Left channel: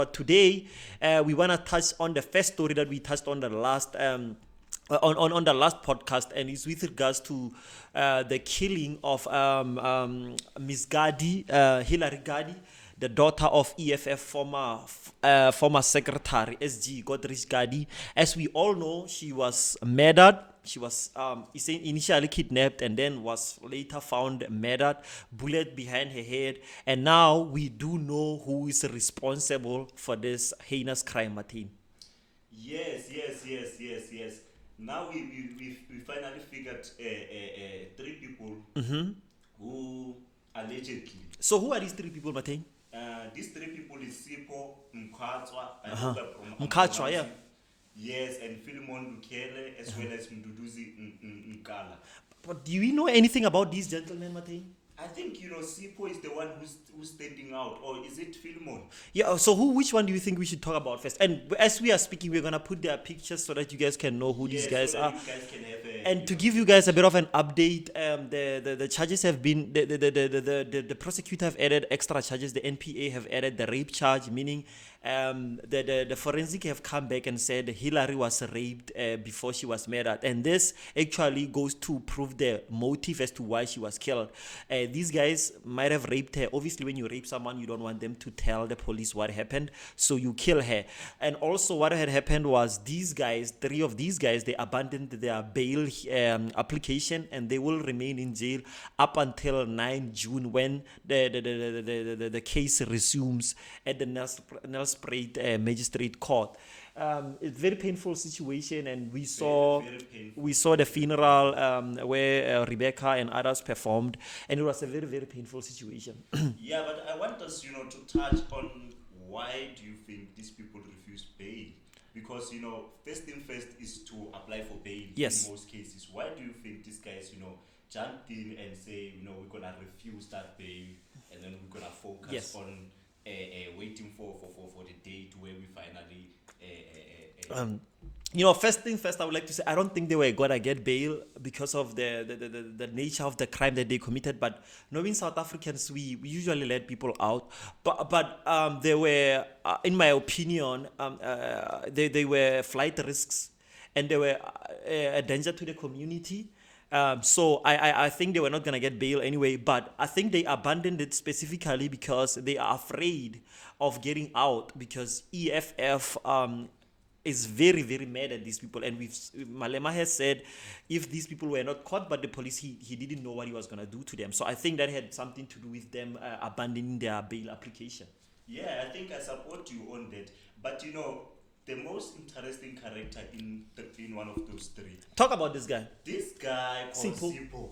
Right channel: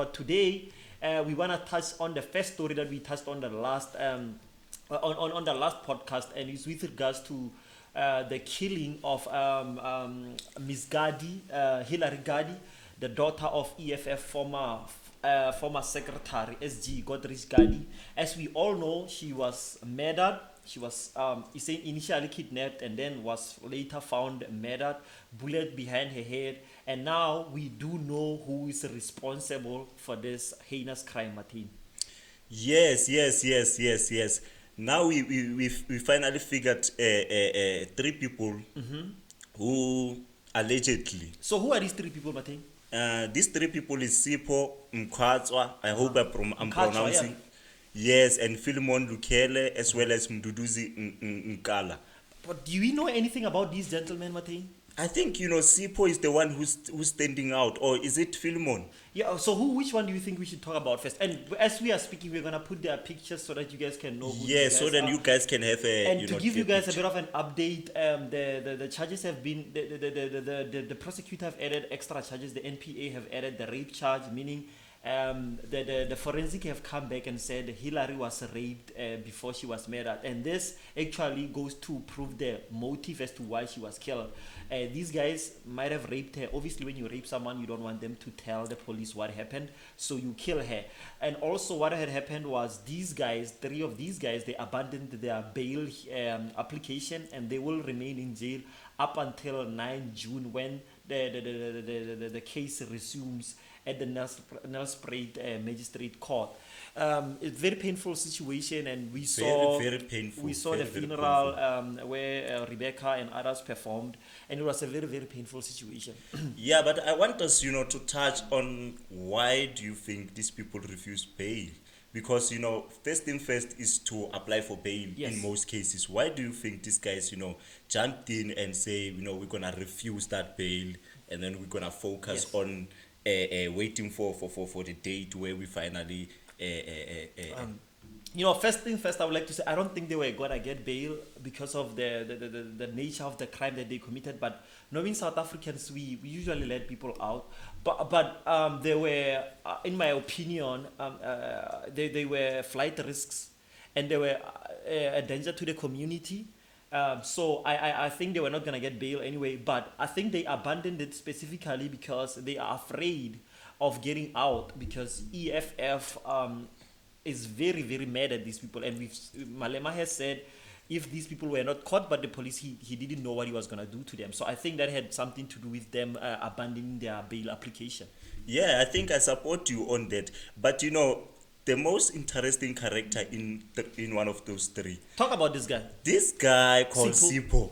But today, we want to touch on the first story that we touched on the last on the last podcast, and it's with regards to the killing of Miss Gadi, Hilary Gadi, the daughter of EFF former secretary SG Godrich Gadi. As we all know, she was murdered. She was initially kidnapped and then was later found murdered, bullet behind her head. And now we do know who is responsible for this heinous crime, Martin. Yes. Now we finally figured three people who allegedly. So who are these three people, Martin? These three people is Sipho Mkhwatswa. I hope I'm Mkhwatswa, pronouncing. Yes, and Philemon Lukele as well as Mduduzi Nkala. But do we know anything about these gentlemen, Martin? I think Sipho is the one who's standing out, or is it Philemon? Yeah. So which one do you think we should talk about first? And as we are speaking, we're gonna put their pictures so that you guys can know who these guys are. So that you guys can have a. And to give you guys a bit of an update, the charges have been the prosecutor have added extra charges. The NPA have added the rape charge, meaning the forensic have come back and said Hillary was raped before she was murdered, and this actually goes to prove the motive as to why she was killed. These guys might have raped her. Obviously, when you rape someone, you don't want them to tell the police what happened, so you kill her. And also, what had happened was three of these guys, they abandoned their bail application, and they will remain in jail up until 9 June when the case resumes at the Nelspruit Magistrate Court. It's very painful situation, and we saw very painful. We saw the funeral where Rebecca and others performed, and it was a very, very painful situation. Yeah, but I want us, to touch on why do you think these people refuse bail? Because first thing first is to apply for bail. Yes. In most cases. Why do you think these guys, jumped in and say, we're gonna refuse that bail, and then we're gonna focus on waiting for the date where we finally first thing first, I would like to say I don't think they were gonna get bail because of the nature of the crime that they committed. But knowing South Africans, we usually let people out. But they were, in my opinion, they were flight risks, and they were a danger to the community. So I think they were not gonna get bail anyway. But I think they abandoned it specifically because they are afraid of getting out, because EFF is very, very mad at these people, and Malema has said if these people were not caught by the police, he didn't know what he was going to do to them. So I think that had something to do with them abandoning their bail application. Yeah, I think I support you on that. But the most interesting character in one of those three. Talk about this guy. This guy called Sipho.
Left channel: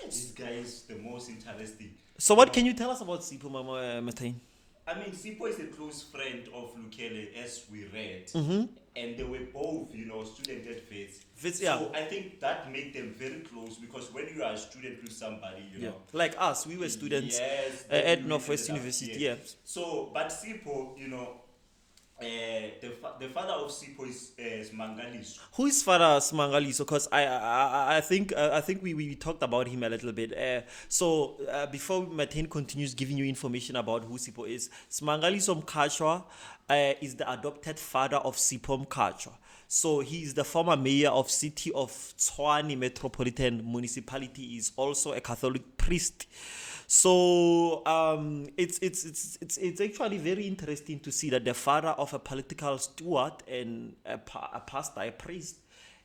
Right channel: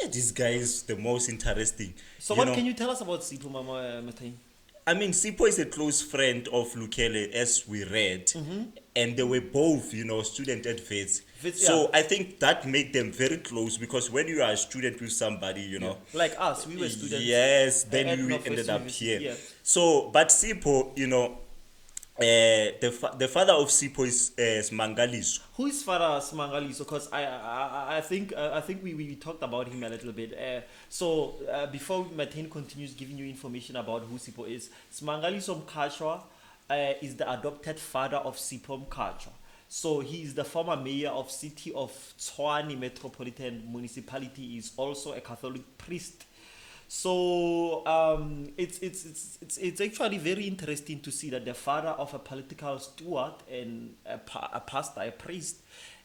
Yeah, this guy is the most interesting. So what can you tell us about Sipho, Mama Matain? I mean, Sipho is a close friend of Lukele, as we read, and they were both, student advocates. So I think that made them very close, because when you are a student with somebody, like us, we were students. Yes, then we ended up here. Yeah. So, but Sipho, the father of Sipho is Smangaliso. Who is father Smangaliso? Because I think we talked about him a little bit. So before Martin continues giving you information about who Sipho is, Smangaliso Mkhwatswa is the adopted father of Sipho Mkhwatswa. So he is the former mayor of city of Tshwane Metropolitan Municipality. He is also a Catholic priest. So it's actually very interesting to see that the father of a political steward and a pastor, a priest,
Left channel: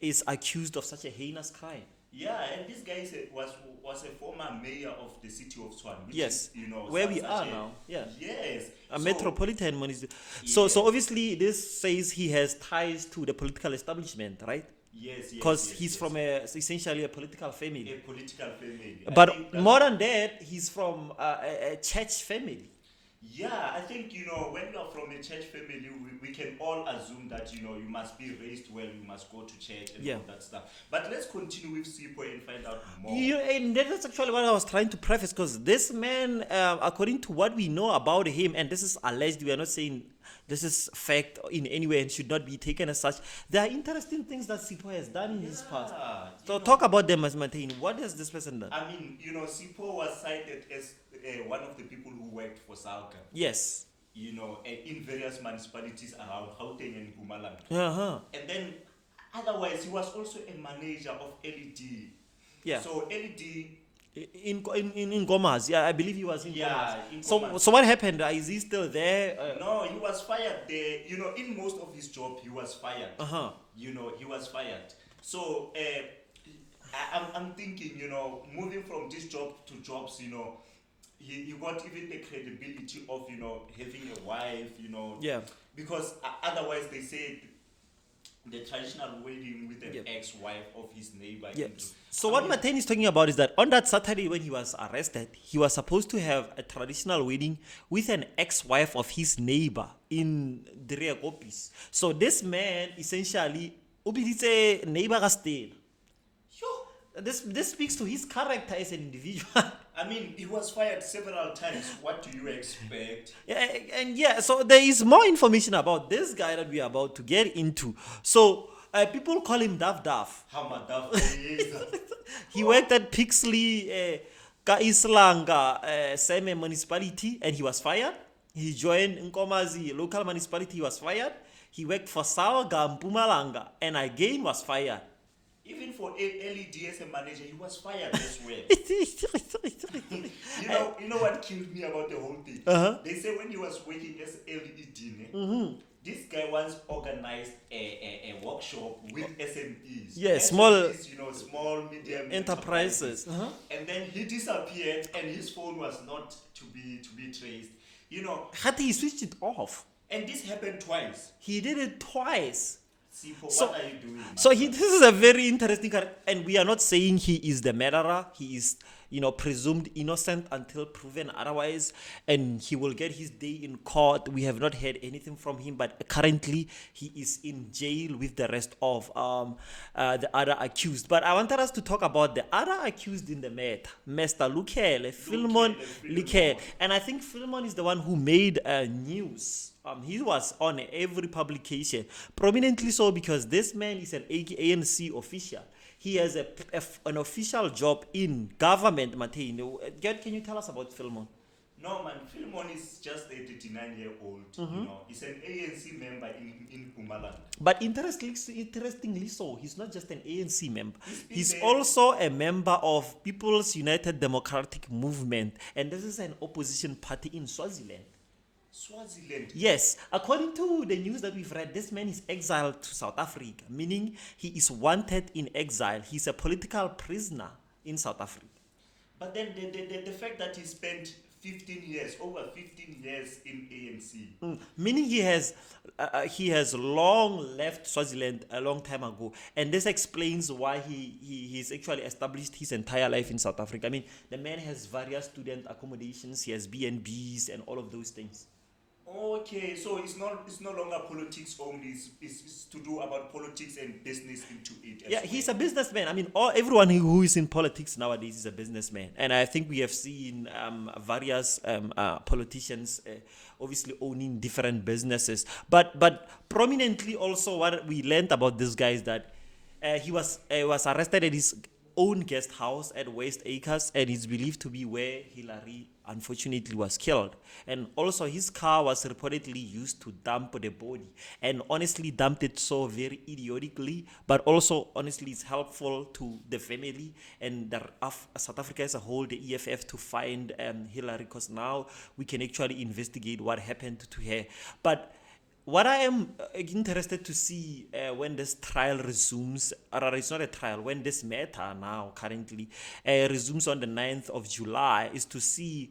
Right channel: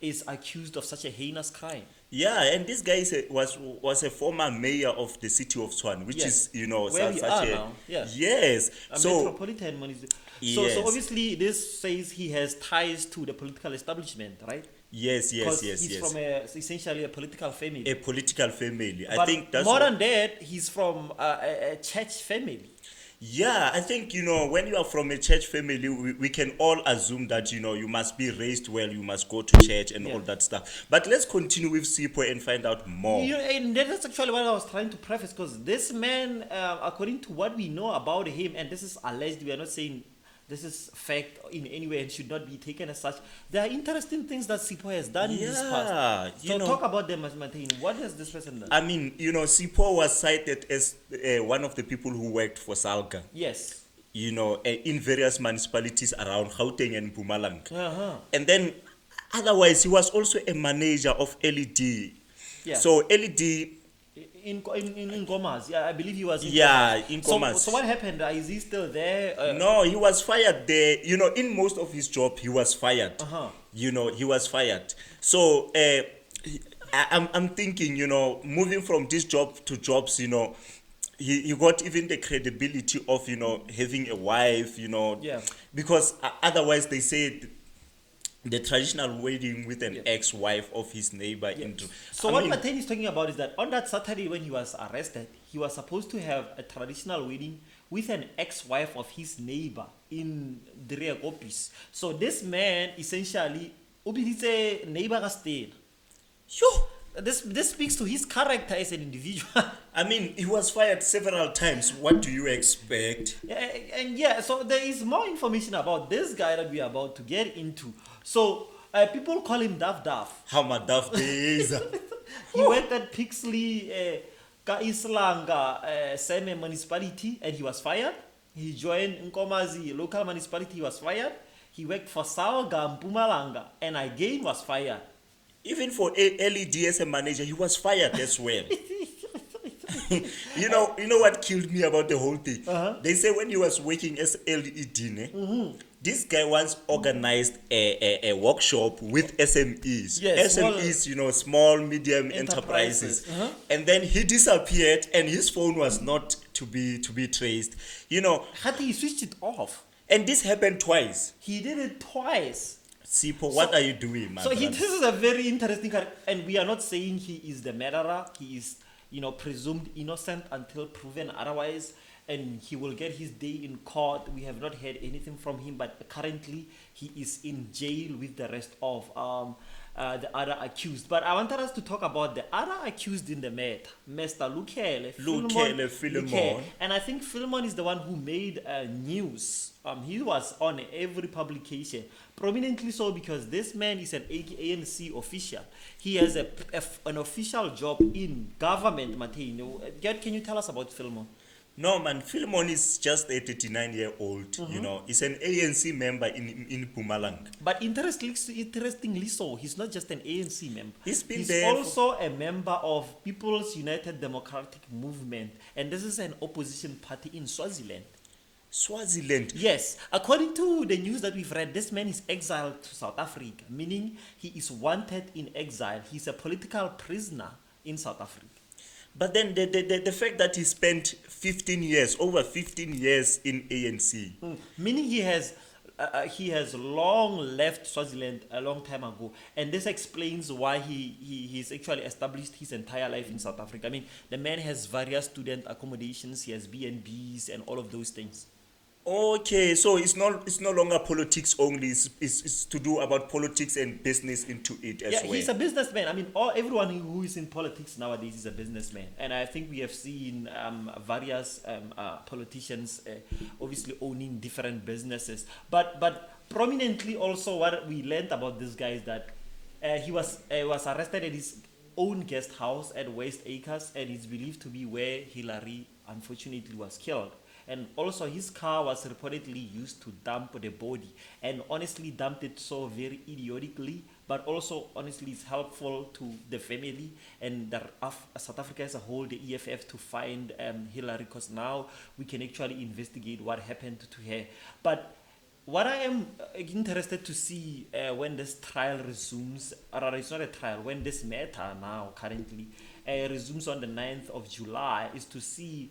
is accused of such a heinous crime. Yeah, and this guy was a former mayor of the city of Tshwane, which is where we are now. Yeah. Yes, a metropolitan municipality. So obviously this says he has ties to the political establishment, right? Yes. Because he's from essentially a political family. A political family. But I think more than that, he's from a church family. Yeah, I think, when you are from a church family, we can all assume that, you must be raised well, you must go to church and all that stuff. But let's continue with Sipho and find out more. And that's actually what I was trying to preface, because this man, according to what we know about him, and this is alleged, we are not saying this is fact in any way and should not be taken as such. There are interesting things that Sipho has done in this past. So talk about them as Martin. What has this person done? I mean, Sipho was cited as one of the people who worked for Salga. Yes. in various municipalities around Gauteng and Mpumalanga. Uh-huh. And then, otherwise, he was also a manager of LED. Yeah. So LED, In Gomas, yeah, I believe he was in yeah, Gomas. in Gomas. So what happened? Is he still there? No, he was fired there. In most of his job, he was fired. Uh-huh. He was fired. So I'm thinking, moving from this job to jobs, he got even the credibility of, having a wife, Yeah. because otherwise they say the traditional wedding with an ex-wife of his neighbor. So what Matane is talking about is that on that Saturday when he was arrested, he was supposed to have a traditional wedding with an ex-wife of his neighbor in the rear office. So this man essentially, ubiditse neighbor ka stay. This speaks to his character as an individual. I mean, he was fired several times. What do you expect? So there is more information about this guy that we are about to get into. So people call him Daf Daf. How much Daf is? He worked at Pixley, Ka Islanga, Seme municipality, and he was fired. He joined Nkomazi local municipality, he was fired. He worked for Sawaga, Mpumalanga, and again was fired. Even for LED as a manager, he was fired as well. You know what killed me about the whole thing? Uh-huh. They say when he was working as LED, this guy once organized a workshop with SMEs. Yes, SMEs, small, medium enterprises. Uh-huh. And then he disappeared, and his phone was not to be traced. Had he switched it off? And this happened twice. He did it twice. Sipo, what are you doing, man? So this is a very interesting character, and we are not saying he is the murderer. He is, presumed innocent until proven otherwise, and he will get his day in court. We have not heard anything from him, but currently he is in jail with the rest of the other accused. But I wanted us to talk about the other accused in the matter, Mr. Lukele Philemon. And I think Philemon is the one who made news. He was on every publication, prominently so because this man is an ANC official. He has an official job in government, Mateo. Can you tell us about Philemon? No, man, Philemon is just a 39-year-old, He's an ANC member in Mpumalanga. But interestingly so, he's not just an ANC member. He's there also a member of People's United Democratic Movement, and this is an opposition party in Swaziland. Swaziland? Yes. According to the news that we've read, this man is exiled to South Africa, meaning he is wanted in exile. He's a political prisoner in South Africa. But then the fact that he spent over 15 years in ANC. Meaning he has long left Swaziland a long time ago, and this explains why he's actually established his entire life in South Africa. I mean, the man has various student accommodations, he has B&Bs and all of those things. Okay, so it's no longer politics only. It's to do about politics and business into it as well. He's a businessman. I mean, everyone who is in politics nowadays is a businessman, and I think we have seen various politicians obviously owning different businesses. But prominently also, what we learned about this guy is that he was arrested at his own guest house at West Acres, and it's believed to be where Hillary unfortunately was killed. And also his car was reportedly used to dump the body, and honestly dumped it so very idiotically, but also honestly it's helpful to the family and South Africa as a whole, the EFF, to find Hillary, because now we can actually investigate what happened to her. But what I am interested to see when this trial resumes, or it's not a trial, when this matter now currently resumes on the 9th of July, is to see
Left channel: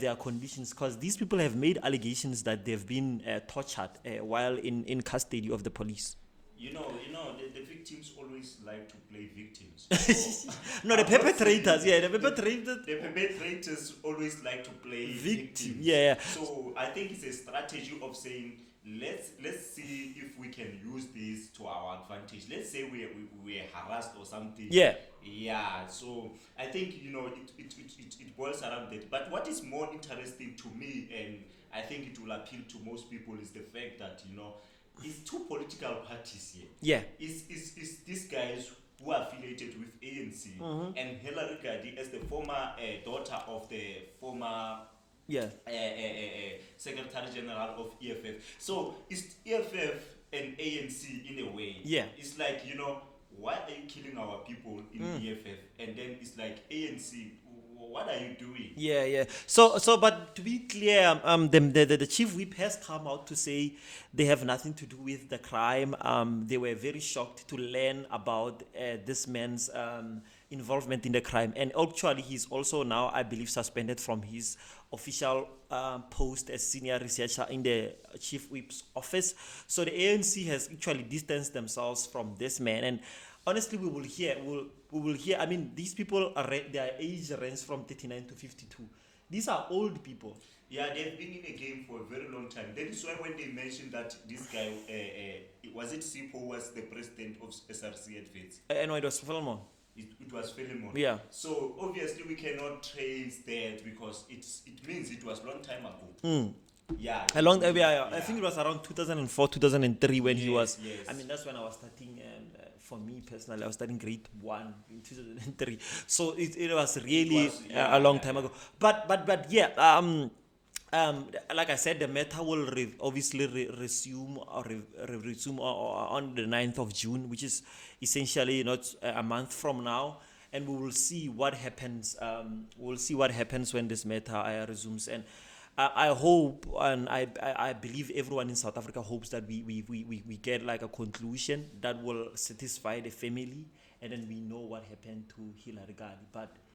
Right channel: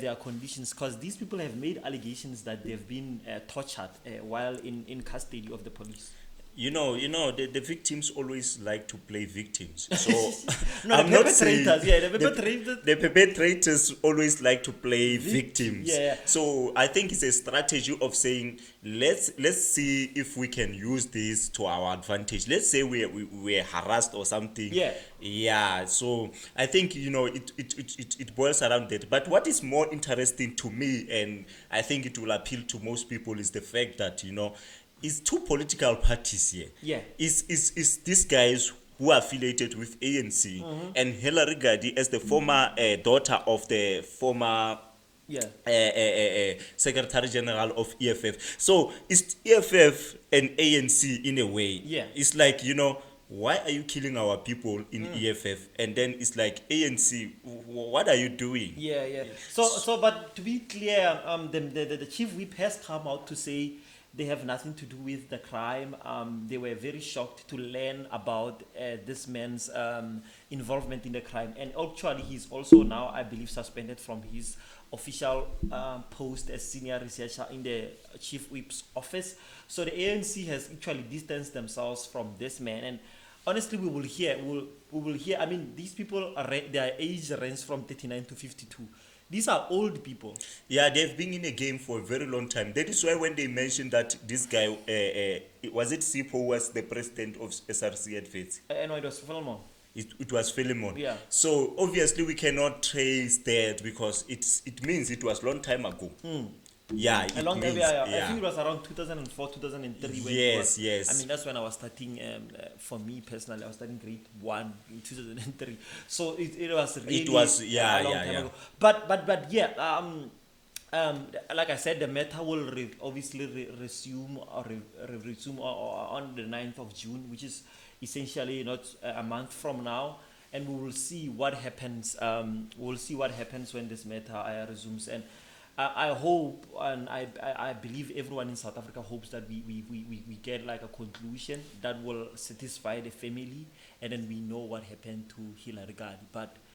their conditions, because these people have made allegations that they've been tortured while in custody of the police. The victims always like to play victims. So no, the perpetrators, the perpetrators always like to play victims. Yeah. So I think it's a strategy of saying, let's see if we can use this to our advantage. Let's say we're harassed or something. Yeah. So I think it boils around that. But what is more interesting to me, and I think it will appeal to most people, is the fact that it's two political parties here. Yeah. Is these guys who are affiliated with ANC, and Hillary Gadi as the former daughter of the former Yeah. Secretary General of EFF. So it's EFF and ANC in a way. Yeah. It's like, why are you killing our people in EFF? And then it's like ANC, what are you doing? Yeah, yeah. So, but to be clear, the chief whip has come out to say they have nothing to do with the crime. They were very shocked to learn about this man's involvement in the crime, and actually, he's also now, I believe, suspended from his official post as senior researcher in the chief whip's office. So the ANC has actually distanced themselves from this man, and honestly, we will hear. I mean, these people are their age ranges from 39 to 52. These are old people. Yeah, they've been in the game for a very long time. That is why when they mentioned that this guy, was it Sipo, was the president of SRC at Faith? I know it was Philemon. It was Philemon. Yeah. So obviously we cannot trace that because it means it was long time ago. Yeah. A long it time. means- I think it was around 2004, 2003 when he was. Yes. I mean, that's when I was starting. For me personally, I was starting grade 1 in 2003. So it was really a long time ago. But yeah. Like I said, the matter will obviously resume resume on the 9th of June, which is essentially not a month from now, and we will see what happens. We'll see what happens when this matter resumes, and I hope and I believe everyone in South Africa hopes that we get like a conclusion that will satisfy the family, and then we know what happened to Hillary Gandhi. But